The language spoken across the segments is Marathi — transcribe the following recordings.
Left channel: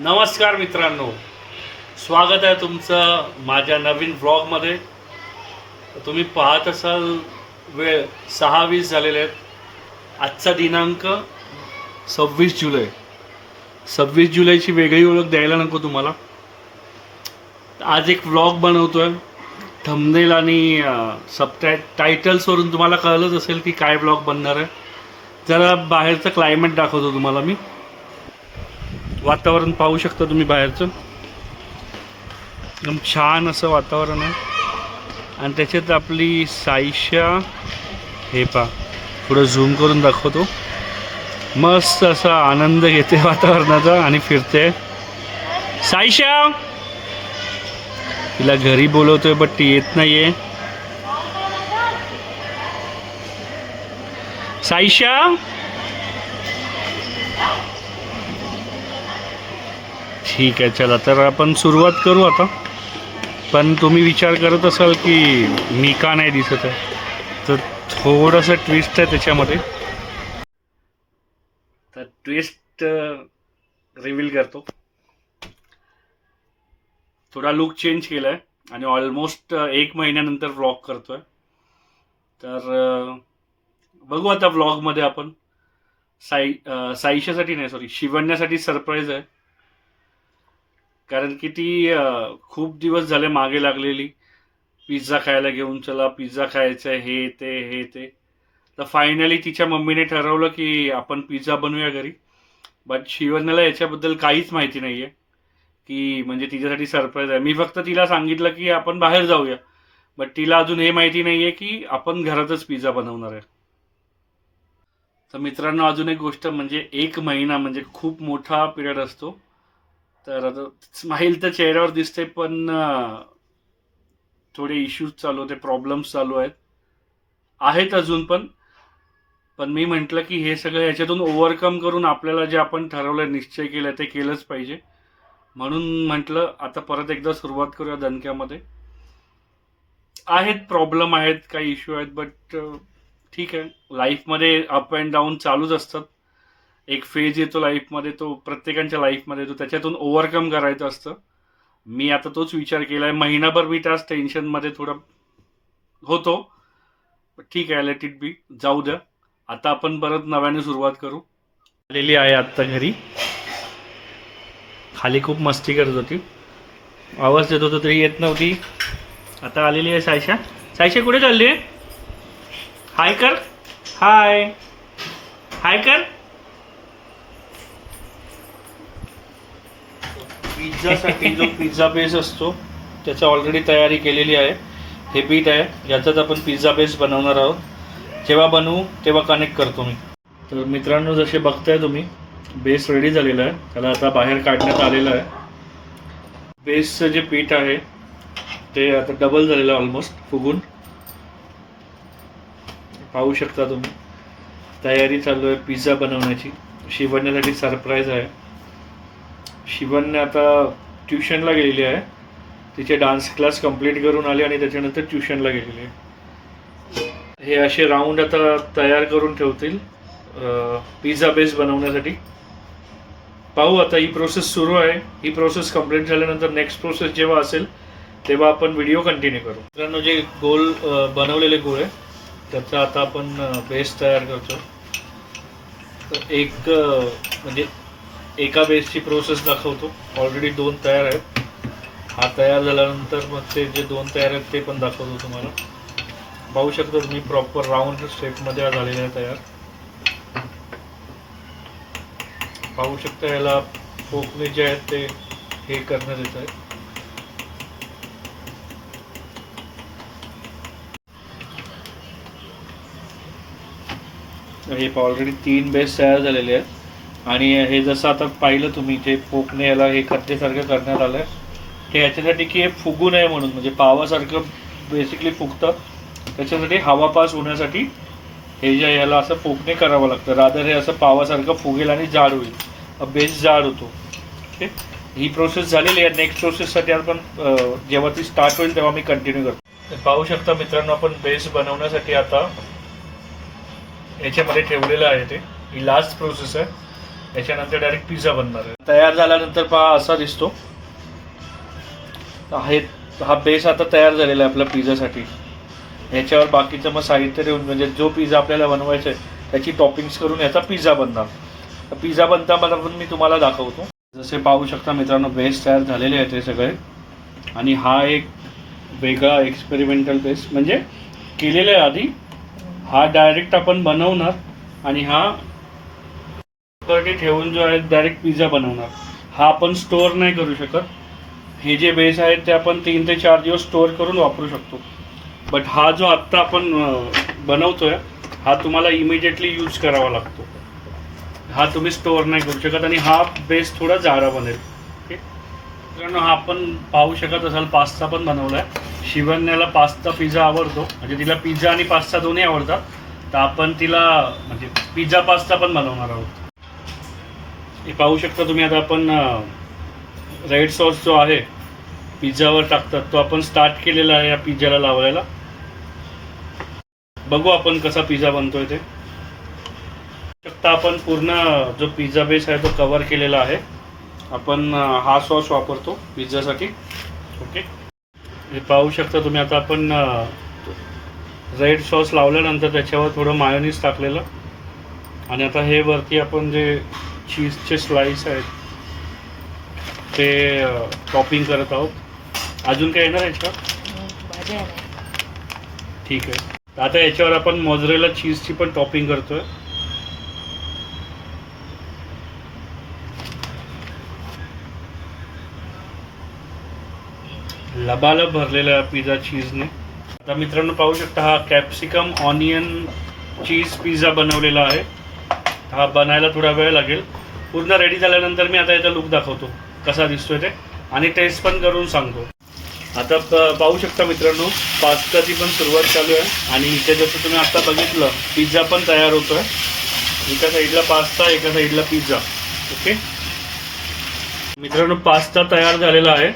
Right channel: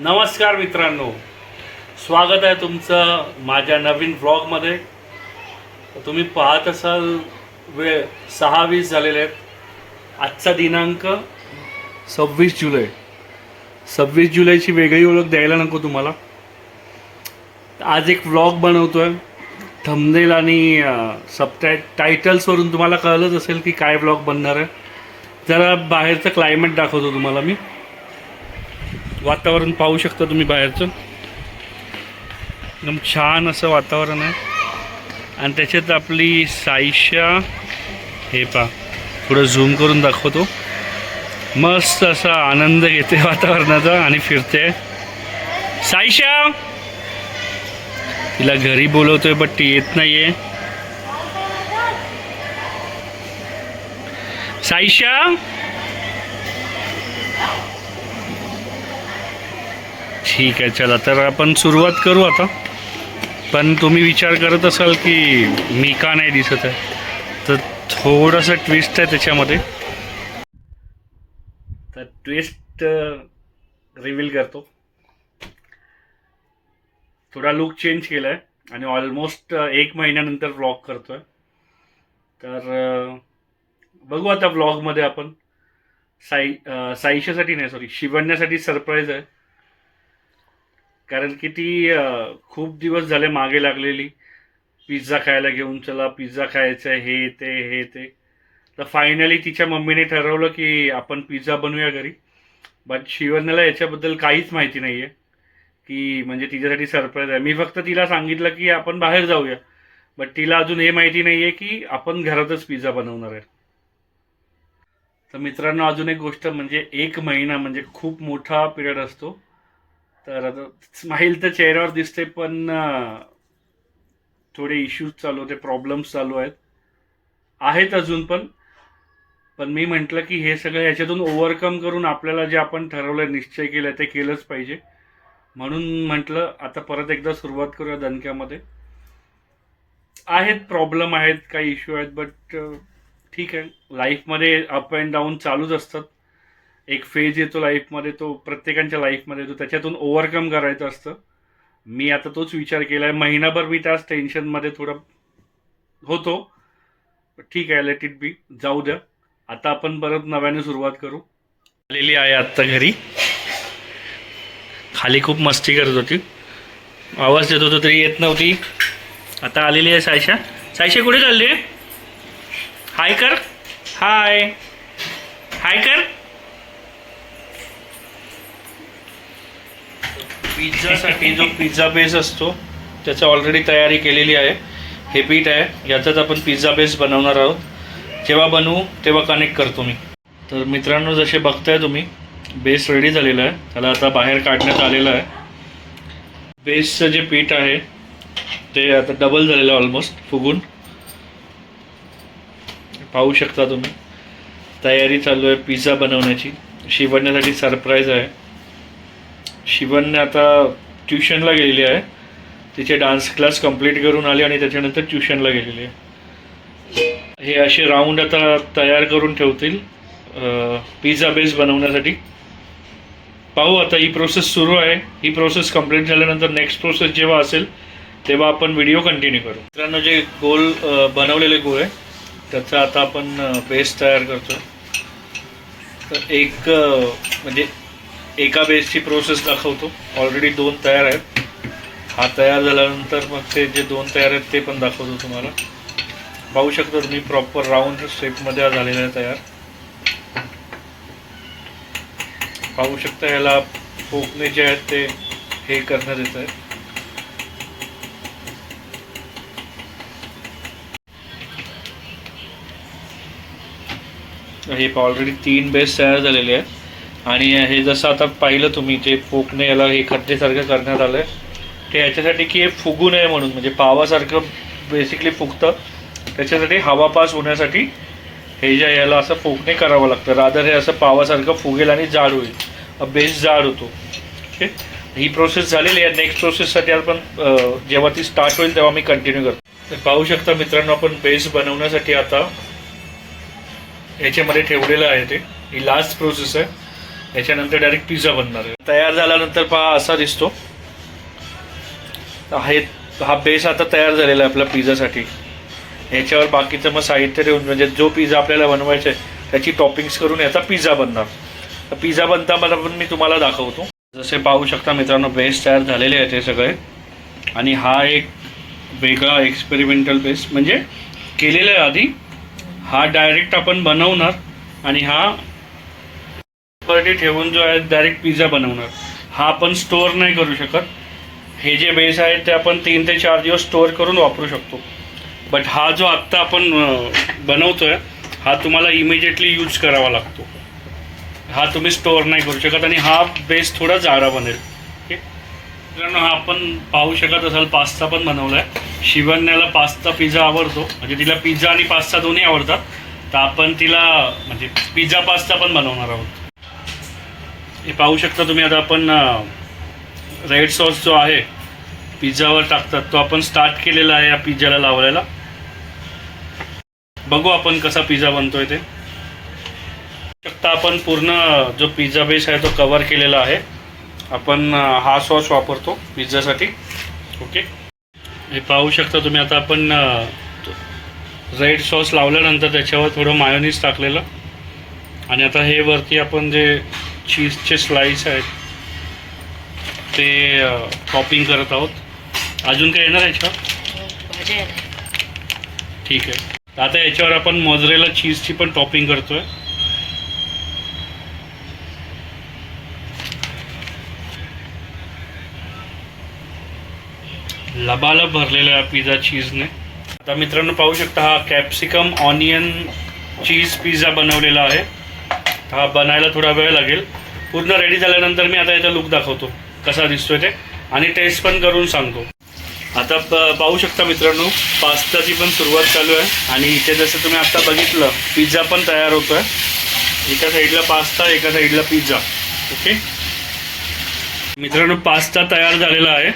नमस्कार मित्रांनो. स्वागत आहे तुमचं माझ्या नवीन व्लॉगमध्ये तुम्ही पाहत असाल वेळ सहा वीस झालेले आहेत. आजचा दिनांक सव्वीस जुलै. सव्वीस जुलैची वेगळी ओळख द्यायला नको तुम्हाला. आज एक व्लॉग आहे थंबनेल आणि सबटाय टायटल्सवरून तुम्हाला कळलंच असेल की काय व्लॉग बनणार आहे. जरा बाहेरचं क्लायमेट दाखवतो तुम्हाला मी. वातावरण पाहू शकता तुम्ही बाहेरचं. एकदम छान असं वातावरण आहे. आणि त्याच्यात आपली साईशा हे पा पुढं झूम करून दाखवतो. मस्त असा आनंद घेते वातावरणाचा आणि फिरते. साईशा! तिला घरी बोलवतोय बट ती येत नाहीये. साईशा! ठीक आहे चला. तर आपण सुरुवात करू आता. पण तुम्ही विचार करत असाल की मी का नाही दिसत आहे? तर थोडंसं ट्विस्ट आहे त्याच्यामध्ये. तर ट्विस्ट रिव्हील करतो. थोडा लुक चेंज केला आहे आणि ऑलमोस्ट एक महिन्यानंतर व्लॉग करतो आहे तर बघू आता व्लॉगमध्ये आपण. साई साईशासाठी नाही सॉरी शिवण्यासाठी सरप्राईज आहे. कारण की ती खूप दिवस झाले मागे लागलेली. पिझ्झा खायला घेऊन चला पिझ्झा खायचं हे ते हे ते. तर फायनली तिच्या मम्मीने ठरवलं की आपण पिझ्झा बनवूया घरी. बट शिवण्याला याच्याबद्दल काहीच माहिती नाही आहे की म्हणजे तिच्यासाठी सरप्राईज आहे. मी फक्त तिला सांगितलं की आपण बाहेर जाऊया. बट तिला अजून हे माहिती नाही आहे की आपण घरातच पिझ्झा बनवणार आहे. तर मित्रांनो अजून एक गोष्ट म्हणजे एक महिना म्हणजे खूप मोठा पिरियड असतो. तर आता स्माईल तर चेहऱ्यावर दिसते पण थोडे इश्यूज चालू होते प्रॉब्लेम्स चालू आहेत. आहेत अजून पण. पण मी म्हटलं की हे सगळं याच्यातून ओव्हरकम करून आपल्याला जे आपण ठरवलं निश्चय केलं ते केलंच पाहिजे. म्हणून म्हटलं आता परत एकदा सुरुवात करूया दणक्यामध्ये. आहेत प्रॉब्लेम आहेत काही इश्यू आहेत बट ठीक आहे. लाईफमध्ये अप अँड डाऊन चालूच असतात. एक फेज येतो लाईफमध्ये तो प्रत्येकांच्या लाईफमध्ये येतो. त्याच्यातून ओव्हरकम करायचं असतं. मी आता तोच विचार केला आहे महिनाभर मी त्याच टेन्शनमध्ये थोडा होतो. ठीक आहे लेट इट बी जाऊ द्या. आता आपण परत नव्याने सुरुवात करू. आलेली आहे आत्ता घरी. खाली खूप मस्ती करत होती. आवाज देत होतो तरी येत नव्हती. आता आलेली आहे सायशा. सायशा कुठे चालली आहे? हाय कर. हाय. हाय कर. पिझ्झासाठी जो पिझ्झा बेस असतो त्याची ऑलरेडी तयारी केलेली आहे. हे पीठ आहे याचाच आपण पिझ्झा बेस बनवणार आहोत. जेव्हा बनवू तेव्हा कनेक्ट करतो मी. तर मित्रांनो जसे बघताय तुम्ही बेस रेडी झालेला आहे. त्याला आता बाहेर काढण्यात आलेलं आहे. बेसचं जे पीठ आहे ते आता डबल झालेलं आहे ऑलमोस्ट फुगून. पाहू शकता तुम्ही तयारी चालू आहे पिझ्झा बनवण्याची. शिवण्यासाठी सरप्राईज आहे. शिवनने आता ट्युशनला गेलेली आहे. तिचे डान्स क्लास कंप्लीट करून आले आणि त्याच्यानंतर ट्युशनला गेलेली आहे. हे असे राऊंड आता तयार करून ठेवतील पिझ्झा बेस बनवण्यासाठी. पाहू आता ही प्रोसेस सुरू आहे. ही प्रोसेस कंप्लीट झाल्यानंतर नेक्स्ट प्रोसेस जेव्हा असेल तेव्हा आपण व्हिडिओ कंटिन्यू करू. मित्रांनो जे गोल बनवलेले बनवलेले गोळे त्याचा आता आपण बेस तयार करतो तर एक म्हणजे एका बेसची प्रोसेस दाखवतो. ऑलरेडी दोन तयार आहेत. हा तयार झाल्यानंतर मग ते जे दोन तयार आहेत ते पण दाखवतो तुम्हाला. पाहू शकता तुम्ही प्रॉपर राऊंड शेपमध्ये झालेला आहे तयार. पाहू शकता ह्याला फोकने जे आहेत ते हे करण्यात येत आहेत. हे ऑलरेडी तीन बेस तयार झालेले आहेत. आणि हे जसं आता पाहिलं तुम्ही जे पोकणे याला हे खड्डेसारखं करण्यात आलं आहे ते याच्यासाठी की हे फुगू नये म्हणून म्हणजे पावासारखं बेसिकली फुगतं. त्याच्यासाठी हवा पास होण्यासाठी हे जे याला असं पोकणे करावं लागतं. रादर हे असं पावासारखं फुगेल आणि जाड होईल. बेस जाड होतो. ओके? ही प्रोसेस झालेली आहे. नेक्स्ट प्रोसेससाठी आपण जेव्हा ती स्टार्ट होईल तेव्हा मी कंटिन्यू करतो. तर पाहू शकता मित्रांनो आपण बेस बनवण्यासाठी आता याच्यामध्ये ठेवलेलं आहे ते. ही लास्ट प्रोसेस आहे. त्याच्यानंतर डायरेक्ट पिझ्झा बनणार आहे. तयार झाल्यानंतर पहा असा दिसतो. आहे हा बेस आता तयार झालेला आहे आपल्या पिझ्झासाठी ह्याच्यावर बाकीचं मग साहित्य ठेवून म्हणजे जो पिझ्झा आपल्याला बनवायचा आहे त्याची टॉपिंग्स करून याचा पिझ्झा बनणार. तर पिझ्झा बनता मला पण मी तुम्हाला दाखवतो. जसे पाहू शकता मित्रांनो बेस तयार झालेले आहेत हे सगळे. आणि हा एक वेगळा एक्सपेरिमेंटल बेस म्हणजे केलेला आहे आधी हा डायरेक्ट आपण बनवणार आणि हा वरती ठेवून जो आहे डायरेक्ट पिझ्झा बनवणार. हा आपण स्टोअर नाही करू शकत. हे जे बेस आहेत ते आपण तीन ते चार दिवस स्टोअर करून वापरू शकतो. बट हा जो आत्ता आपण बनवतो बनवतोय हा तुम्हाला इमिजिएटली यूज करावा लागतो. हा तुम्ही स्टोअर नाही करू शकत आणि हा बेस थोडा जाडा बनेल. ओके मित्रांनो हा आपण पाहू शकत असाल पास्ता पण बनवला आहे शिवन्याला पास्ता पिझ्झा आवडतो. म्हणजे तिला पिझ्झा आणि पास्ता दोन्ही आवडतात. तर आपण तिला म्हणजे पिझ्झा पास्ता पण बनवणार आहोत. हे पाहू शकता तुम्ही आता आपण रेड सॉस जो आहे पिझ्झावर टाकतात तो आपण स्टार्ट केलेला आहे या पिझ्झाला लावलेला बघू आपण कसा पिझ्झा बनतोय ते. शकता आपण पूर्ण जो पिझ्झा बेस आहे तो कवर केलेला आहे. आपण हा सॉस वापरतो पिझ्झासाठी ओके हे पाहू शकता तुम्ही आता आपण रेड सॉस लावल्यानंतर त्याच्यावर थोडं मायोनीज टाकलेलं. आणि आता हे वरती आपण जे चीजचे स्लाइस आहेत. ते टॉपिंग करत आहोत. अजून काय येणार याच्यावर? ठीक आहे. आता याच्यावर आपण मोजरेला चीजची पण टॉपिंग करतोय. लबालब भरलेला आहे पिझ्झा चीजने आता मित्रांनो पाहू शकता हा कॅप्सिकम ऑनियन चीज पिझ्झा बनवलेला आहे. हा बनायला थोडा वेळ लागेल. पूर्ण रेडी झाल्यानंतर मी आता याचा लुक दाखवतो. कसा दिसतोय ते. आणि टेस्ट पण करून सांगतो. आता प- पाहू शकता मित्रांनो पास्ताची पण सुरुवात चालू आहे. आणि इथे जसं तुम्ही आता बघितलं पिझ्झा पण तयार होतो आहे एका साईडला पास्ता एका साईडला पिझ्झा ओके मित्रांनो पास्ता तयार झालेला आहे.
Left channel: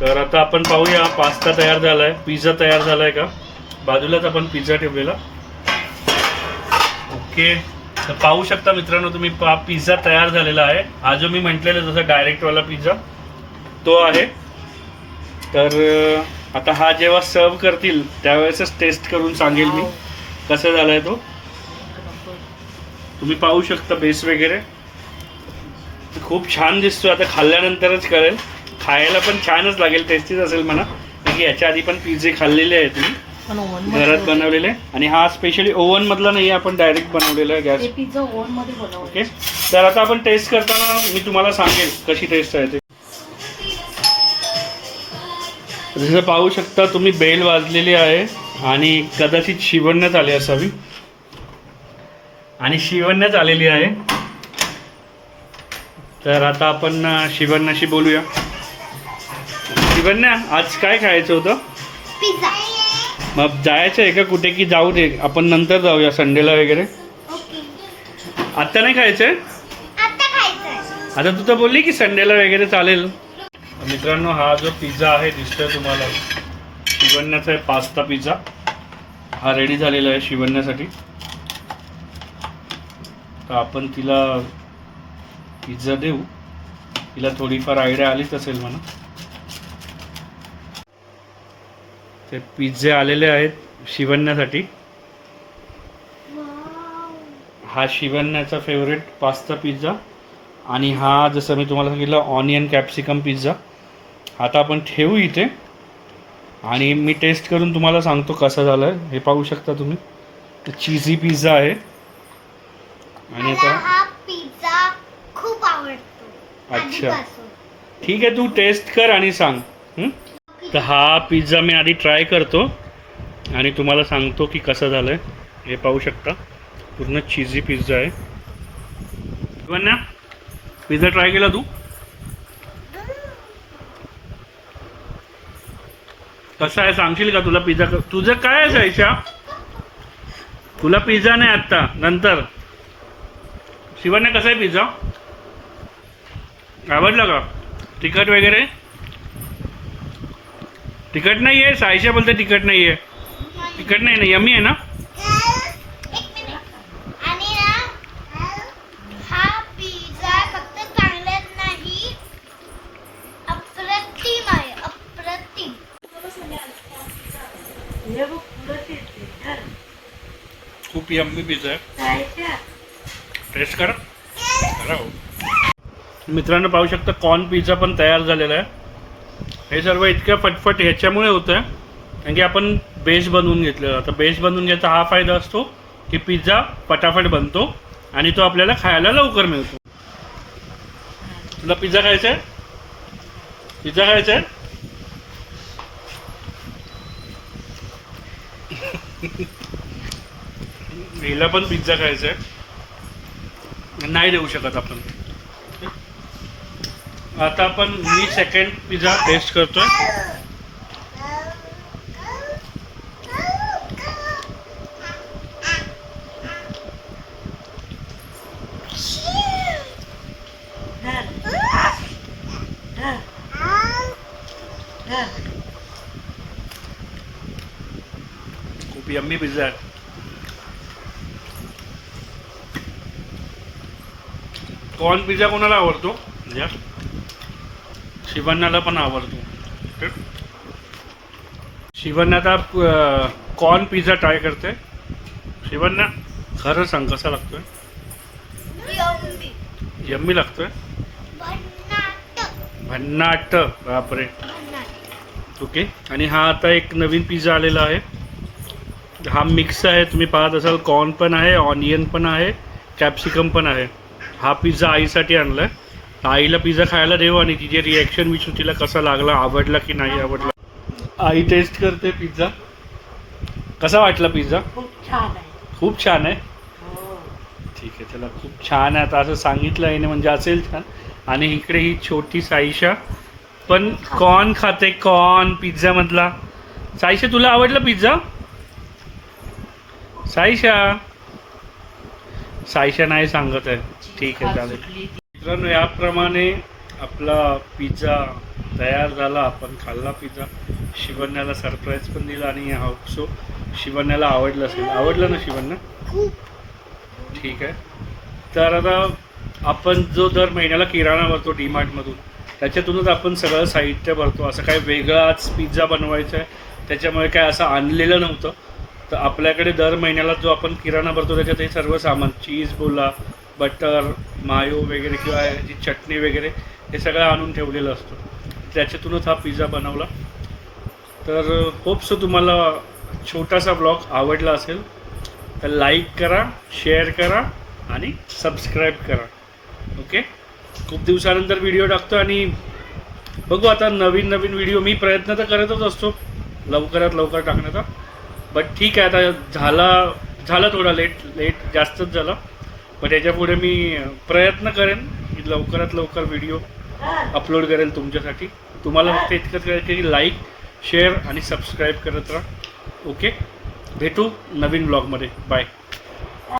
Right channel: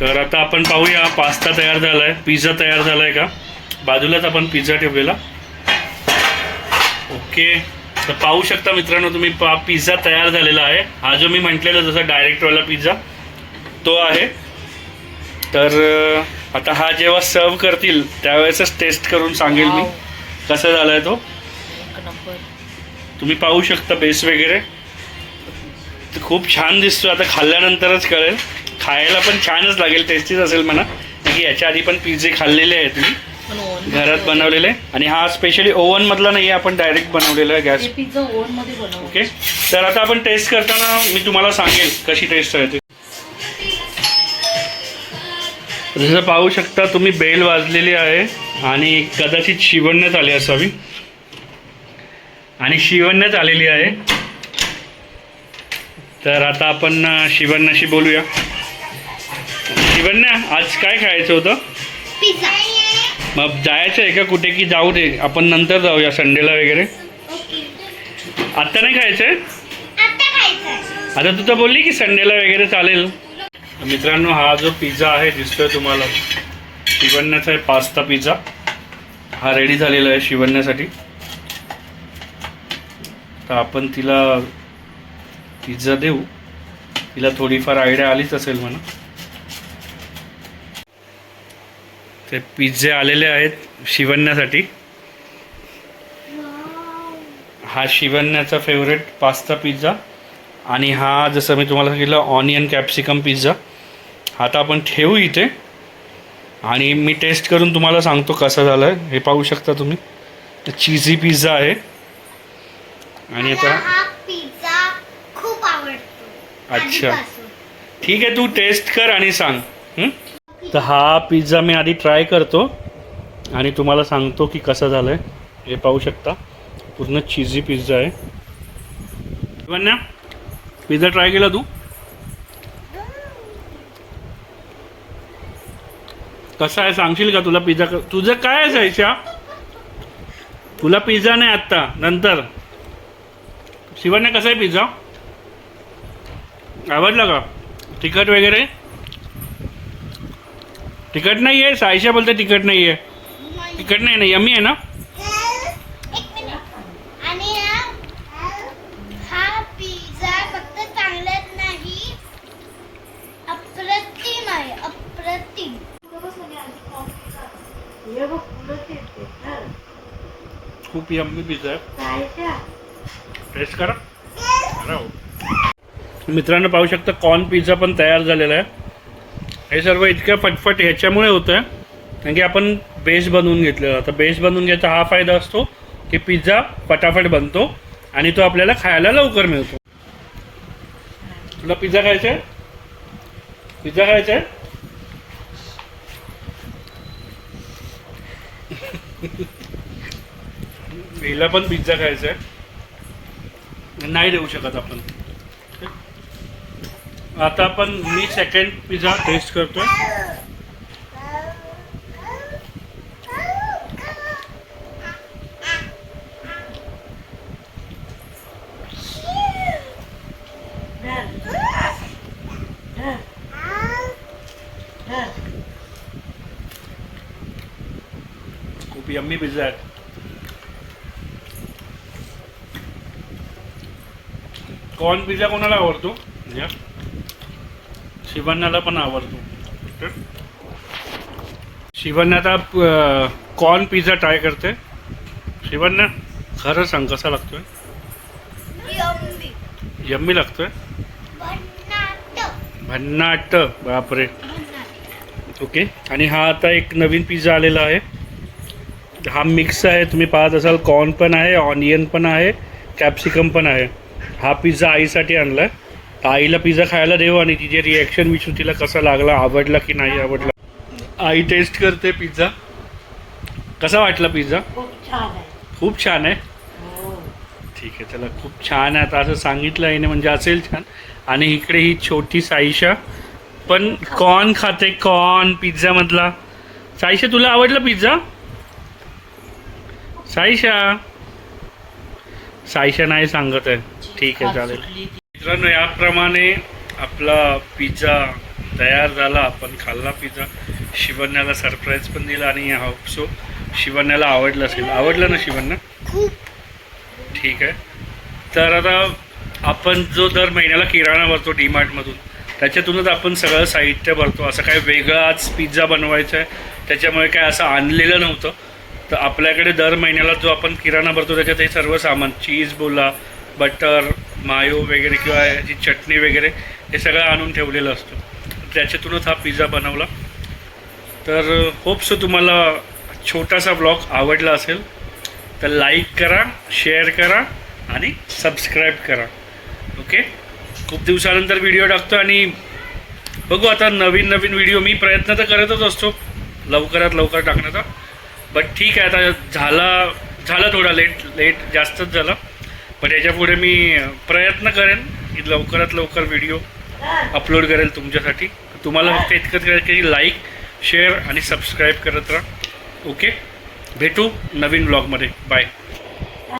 तर आता आपण पाहूया पास्ता तयार झाला आहे पिझ्झा तयार झाला आहे का? बाजूलाच आपण पिझ्झा ठेवलेला. ओके तर पाहू शकता मित्रांनो तुम्ही पा पिझ्झा तयार झालेला आहे. हा जो मी म्हटलेला जसं डायरेक्टवाला पिझ्झा तो आहे. तर आता हा जेव्हा सर्व करतील त्यावेळेसच टेस्ट करून सांगेल मी. कसा झाला आहे तो तुम्ही पाहू शकता बेस वगैरे. खूप छान दिसतो आता खाल्ल्यानंतरच कळेल. खायला पण छानच लागेल टेस्टीच असेल म्हणा. की याच्या आधी पण पिझ्झे खाल्लेले आहेत ओव्हन घरात बनवलेले आणि हा स्पेशली ओव्हनमधला नाही आहे आपण डायरेक्ट बनवलेला आहे गॅस पिझ्झा ओव्हनमध्ये बनव ओके तर आता आपण टेस्ट करताना मी तुम्हाला सांगेल कशी टेस्ट आहे ते. जसं पाहू शकता तुम्ही बेल वाजलेली आहे आणि कदाचित शिवण्यात आली असावी. आणि शिवण्यात आलेली आहे. तर आता आपण शिवण्याशी बोलूया. शिवण्या आज काय खायचं होतं? पिझ्झा मग जायचं आहे का कुठे की जाऊ दे? आपण नंतर जाऊया संडेला वगैरे. आत्ता नाही खायचं आहे आता तू तर बोलली की संडेला वगैरे चालेल. मित्रांनो हा जो पिझ्झा आहे दिसतोय तुम्हाला. शिवण्याचा आहे पास्ता पिझ्झा. हा रेडी झालेला आहे शिवण्यासाठी तर आपण तिला पिझ्झा देऊ. तिला थोडीफार आयडिया आलीच असेल म्हणा. ते पिझ्झे आलेले आहेत शिवण्यासाठी. हा शिवण्याचा फेवरेट पास्ता पिझ्झा आणि हा जसं मी तुम्हाला सांगितलं ऑनियन कॅप्सिकम पिझ्झा हा आता आपण ठेवू इथे. आणि मी टेस्ट करून तुम्हाला सांगतो कसा झाला आहे हे पाहू शकता तुम्ही. चीझी पिझ्झा आहे. आणि आता हा पिझ्झा खूप आवडतो. अच्छा. ठीक आहे तू टेस्ट कर आणि सांग. हं? तर हा पिझ्झा मी आधी ट्राय करतो आणि तुम्हाला सांगतो की कसं झालं आहे हे पाहू शकता. पूर्ण चिझी पिझ्झा आहे. शिवन्या पिझ्झा ट्राय केला तू? कसा आहे? सांगशील का तुला पिझ्झा तुझं काय आहे जायच्या तुला पिझ्झा नाही आत्ता. नंतर. शिवन्या कसा आहे पिझ्झा आवडला का? तिखट वगैरे? तिकट नाही आहे सायशा बोलते तिकट नाही आहे. तिकट नाही ना यमी आहे ना? खूप यम्मी पिझ्झा आहे. टेस्ट करा. हो. मित्रांनो पाहू शकता कॉर्न पिझ्झा पण तयार झालेला आहे. हे सर्व इतकं फटफट ह्याच्यामुळे होतं कारण की आपण बेस बनवून घेतलेला. तर बेस बनवून घ्यायचा हा फायदा असतो की पिझ्झा फटाफट बनतो आणि तो आपल्याला खायला लवकर मिळतो. तुला पिझ्झा खायचा आहे पिझ्झा खायचा आहे हिला पण पिझ्झा खायचा आहे नाही देऊ शकत आपण. आता आपण मी सेकंड पिझ्झा टेस्ट करतो खूप यम्मी पिझ्झा आहे. कॉर्न पिझ्झा कोणाला आवडतो? या. शिवण्याला पण आवडतो. शिवण्या आता कॉर्न पिझ्झा ट्राय करते शिवण्या खरं सांग कसा लागतोय यम्मी. यम्मी लागतोय भन्नाट. बापरे. ओके आणि हा आता एक नवीन पिझ्झा आलेला आहे हा मिक्स आहे तुम्ही पाहत असाल कॉर्न पण आहे ऑनियन पण आहे कॅप्सिकम पण आहे हा पिझ्झा आईसाठी आणला आहे तर आईला पिझ्झा खायला देऊ आणि तिचे रिॲक्शन विचारू तिला कसा लागला आवडला की नाही आवडला. आई टेस्ट करते पिझ्झा. कसा वाटला पिझ्झा? खूप छान आहे. हो. ठीक आहे चला खूप छान आहे. आता असं सांगितलं आहे म्हणजे असेल छान. आणि इकडे ही छोटी साईशा. पण कॉर्न खाते कॉर्न पिझ्झामधला साईशा तुला आवडला पिझ्झा? साईशा. साईशा नाही सांगत आहे. ठीक आहे चालेल. मित्रांनो याप्रमाणे आपला पिझ्झा तयार झाला. आपण खाल्ला पिझ्झा. शिवण्याला सरप्राईज पण दिला आणि होपसो शिवण्याला आवडलं असेल. आवडलं ना शिवण्या खूप. ठीक आहे. तर आता आपण जो दर महिन्याला किराणा भरतो डीमार्टमधून त्याच्यातूनच आपण सगळं साहित्य भरतो. असं काय वेगळाच पिझ्झा बनवायचा आहे त्याच्यामुळे काय असं आणलेलं नव्हतं. तर आपल्याकडे दर महिन्याला जो आपण किराणा भरतो त्याच्यात हे सर्व सामान चीज बोला बटर मायो वगैरे किंवा याची चटणी वगैरे हे सगळं आणून ठेवलेलं असतं. त्याच्यातूनच हा पिझ्झा बनवला. तर होप्स तुम्हाला छोटासा ब्लॉग आवडला असेल तर लाईक करा शेअर करा आणि सबस्क्राईब करा. ओके? खूप दिवसानंतर व्हिडिओ टाकतो आणि बघू आता नवीन नवीन व्हिडिओ. मी प्रयत्न तर करतच असतो लवकरात लवकर टाकण्याचा. बट ठीक आहे आता झाला झाला थोडा लेट लेट जास्तच झाला. पण याच्यापुढे मी प्रयत्न करेन की लवकरात लवकर व्हिडिओ अपलोड करेल तुमच्यासाठी. तुम्हाला फक्त इतकंच करायचं की लाईक शेअर आणि सबस्क्राईब करत राहा. ओके? भेटू नवीन ब्लॉगमध्ये. बाय.